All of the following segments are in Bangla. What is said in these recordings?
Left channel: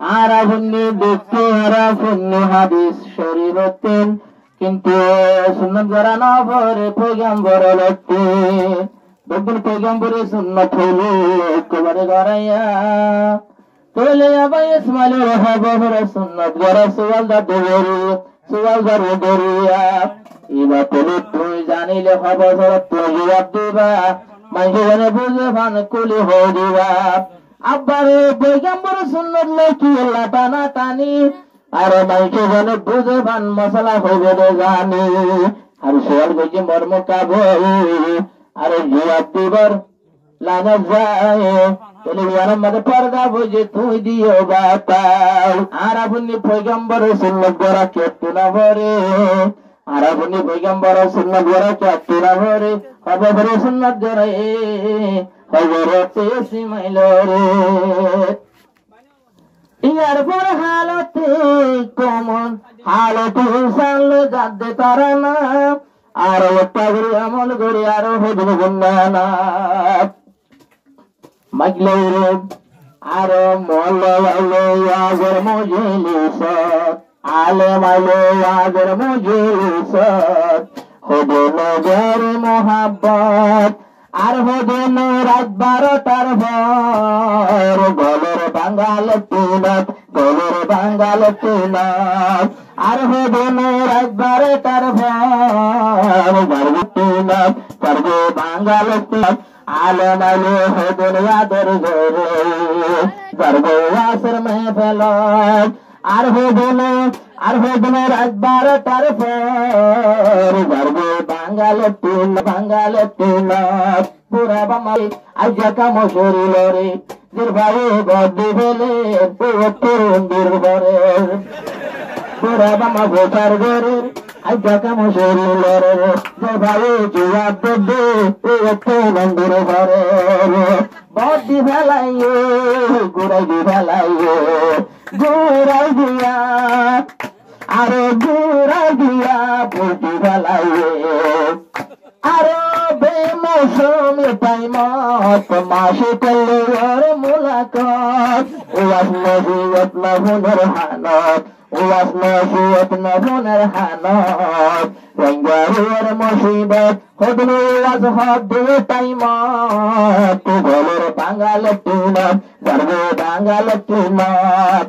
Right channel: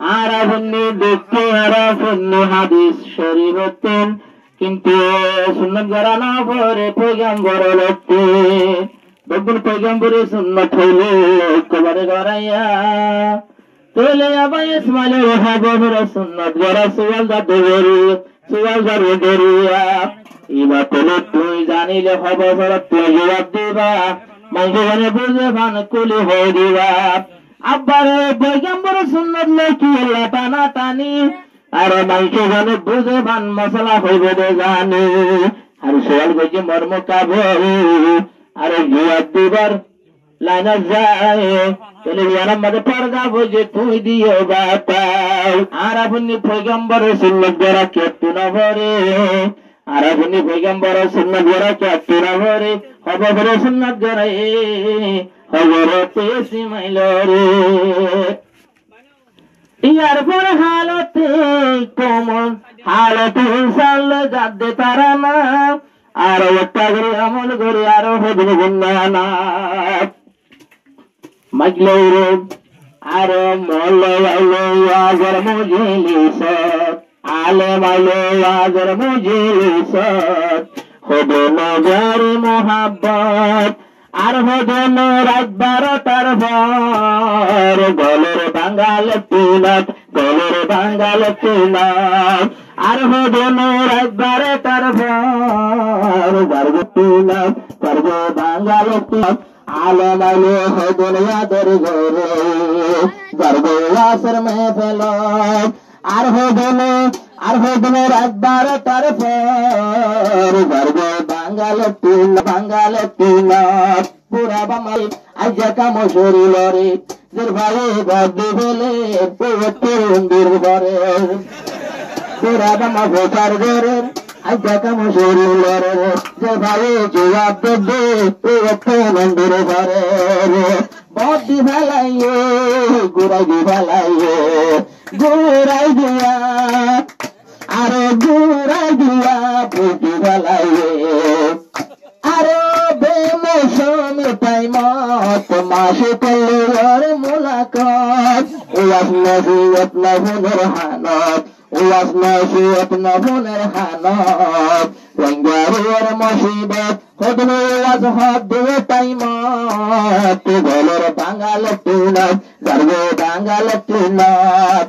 আরাফুন্নি দেখতে আরাফুন্নি হাদিস শরীফতেন কিন্তু সুন্নত গড়ানো পরে পয়গম্বর লড়তে দেখুন পয়গম্বরের সুন্নত হইল একেবারে গড়াইয়া তোলে আবার ইসমাইল খবর সুন্নত গড়া সুয়ালদা দেবেরি সুয়ালদা রোডেরিয়া এবার তোলে তুই জানিলে খবর তুই জবাব দিবা মাইকে বুঝে ভান কুলি হয়ে দিবা আব্বারে পয়গম্বর সুন্নত লেখি টানা টানি আরে মাইকে জানে বুঝে ভান মশলা হইবে রে জানি আর সোয়াল গেছে মর্ম কাবল আরে জবাব দিবার লাইন যায় চলে ইয়ারাম মাঝে পর্দা বুঝে তুই দিও বাতাও আর আপনি পয়গম্বর সুন্নত গড়া কেটু না ভরে আর আপনি পয়গম্বর সুন্নত গড়া কেটু না ভরে খবরে সুন্নত গড়াই খবরতে সিমাইল রে ইয়ার পর হালতে কোমল হালতে সাল যাদে তারা না আর ওটা করে আমল করে আরো হদিন গুন্ডানা মাইলে রে আর মল্লে আগর মুজিলিস আলে মাইলে আগর মুজিলিস হবে নজর মোহাব্বত আর হদেন রাত 12টার ভর গলের বাঙ্গাল তুলত গলের বাঙ্গাল তুলত আর হদেন রাত 12টার ভর গর্ব তুলত গর্ব বাঙ্গাল তুলত আলে মাইলে হদেন ইয়াদের ঘরে গর্ব আসর মেহফিলত আর হদেন রাত 12টার পর গর্ব বাঙ্গাল তুলত পুরা বামাই আজা কাম শরীর রে জের ভাই গদ্দি ফেলে তরুণদের ঘরে পুরা বামা ভোটার ঘরের আজা কাম শরীর রে জের ভাই জবাব দেবে তরুণদের ঘরে বদ্দি ফেলাইয়ে গুড়াই দি ফেলাইয়ে গুড়াই দিয়া আরে গুড়াই দিয়া পুটি ফেলাইয়ে আরে বেমৌসুমি টাইমত মাসে পেলের মুলাকাত ওয়াস নসিয়ত নভনের হানত ওয়াস নসিয়ত নভনের হানত রঙ্গারের মুসিবত হদনে ওয়াস হদ টাইমত গলের বাঙ্গাল তুনত গর্ব বাঙ্গাল তুনত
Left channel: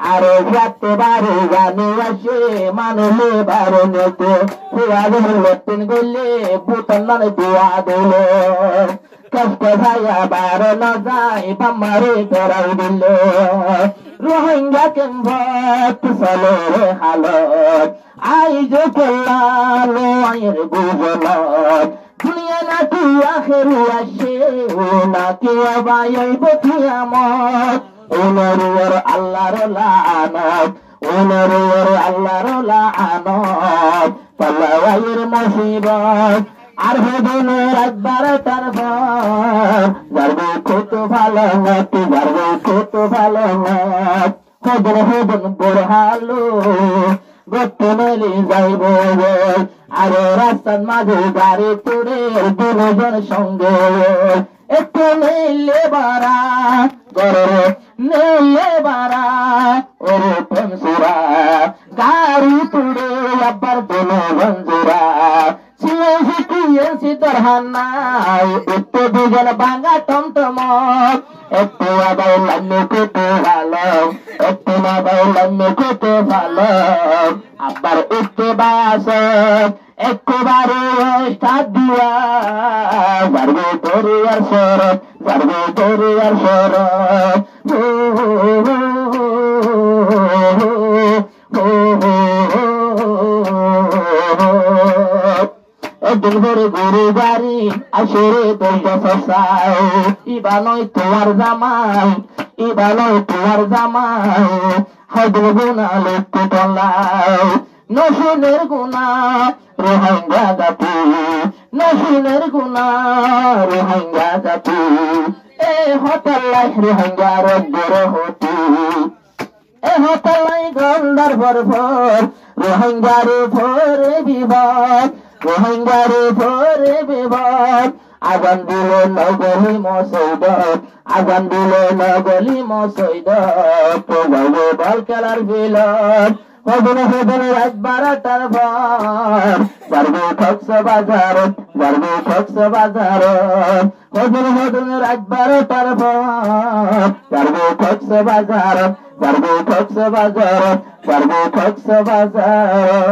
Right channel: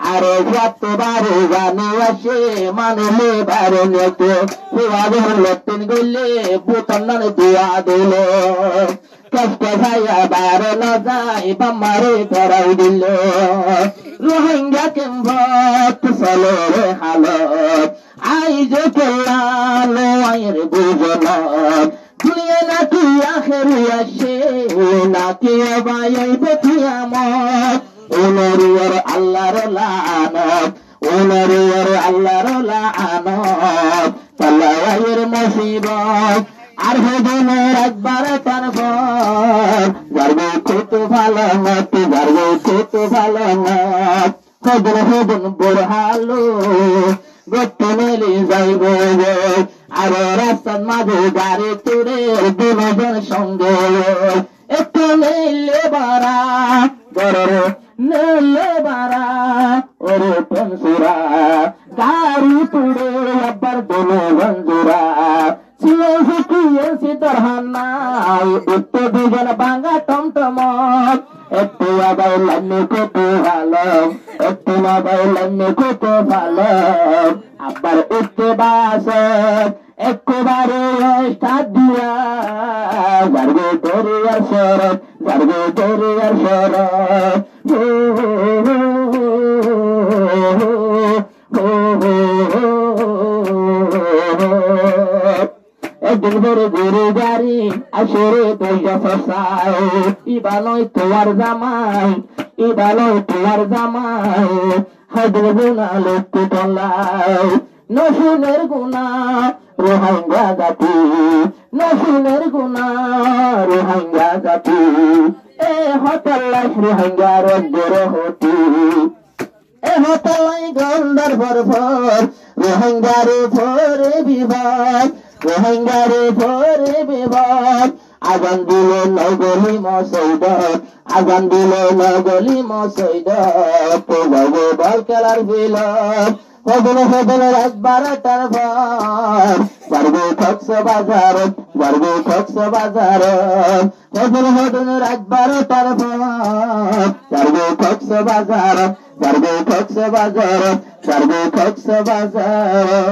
আরে যাতে বারে জানে আসে মানলে বারে নেতে হুয়া বহলে তিন গলে বুতন দিয়া দিল কষ্ট ভাইয়া বারে না যায় বামারে করাই দিল রোহিঙ্গা কেমভত চলে রে হালত আই যে কল্যাণ আয়ের বুঝলাম দুনিয়া নাকি আখেরি আসে নাকি আবাই বকিয়ামত ওনরুর আল্লাহর লানত ওনরুর আল্লাহর লানত তালাওয়ায়ের মুসিবত আর হদনের একবার তার পর গর্ব কত ভালো মত গর্ব কত ভালো মত হদন বরহালো গতে মেলি যাইব আর রাস্তার মাঝে গাড়ি তোরে দুজন সঙ্গে একটু নেইলে বারা গরো নেইলে বারা ওরে পেমসুরা গাড়ি তুড়ে আবার দোনো বন্ধুরা শিখিয়েছি তোর হান্নাই একটু দুজন ভাঙা টমটমক একটু আগাই লান্নি কেটে ভালো একটু আগাই লান্নি কেটে ভালো আবার একটু বাস একবারে স্টার্ট দিয়া গর্বে তোরে আর শরৎ গর্বে তোরে আর শরৎ একদিন ভরে গরু গাড়ি আসরে পয়সা ফসাও ইবা নয় তোমার জামাই ইবা নয় তোমার জামাই হদল গুনা লোককে টলাও নসিনের গুনা রোহিঙ্গা জাতি নসিনের গুনা রোহিঙ্গা জাতি এ হতলাই রোহিঙ্গার বড় হতি এ হতলাই গন্ডার ভরভর রোহিঙ্গার ভরে বিবাদ রোহিঙ্গার ভরে বিবাদ আজান দিল নগলি মসৈদ আজান দিল নগলি মসৈদ পড়াবো বল খেলার বিলত হদল হদল রাত 12টার পর যারবো কক্সবাজার যারবো কক্সবাজার হদল হদল রাত 12টার পর যারবো কক্সবাজার যারবো কক্সবাজার যারবো কক্সবাজার